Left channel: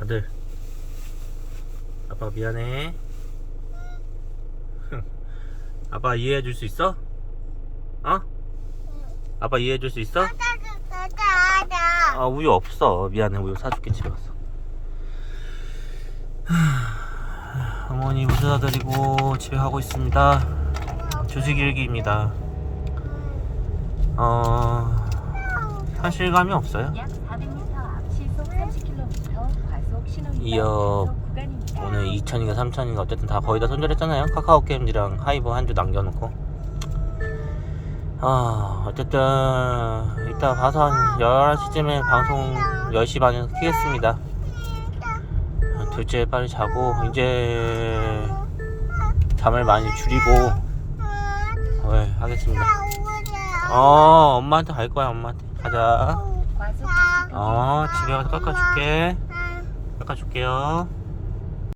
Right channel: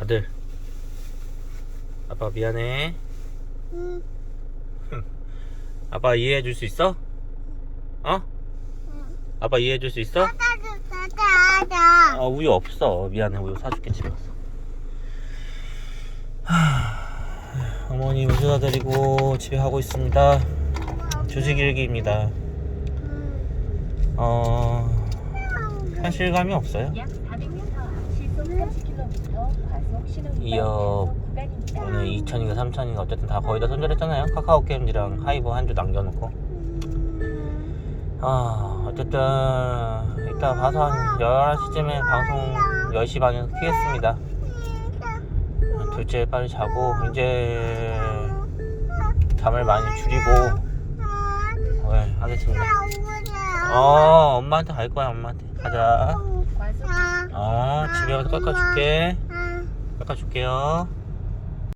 아들 아빠 미안해 응. 아빠 이해해 줄 수 있어? 어? 아빠 이해해 줄 수 있어? 아 우유 없어 미안해 우유 사줄게 집에 왔어 하, 어머니 모셔다 드리고 집에 가고 있습니다 조식 일기입니다 어 현실감이 없어요 구간입니다. 오늘 2천인가 3천인가 어쨌든 다 거의 다 손절했잖아요. 카카오 게임즈랑 하이브 한 주 남겨놓고. 아 어쨌든 이따 가서 한 11시쯤에 방송 10시 반에 키겠습니다. 둘째 빨리 자고 이제 잠을 많이 줄이고 네, 하겠습니다. 어 엄마한테 갈 거야 엄마한테. 가자. 어 집에 가서 깎아줄게 깎아줄게요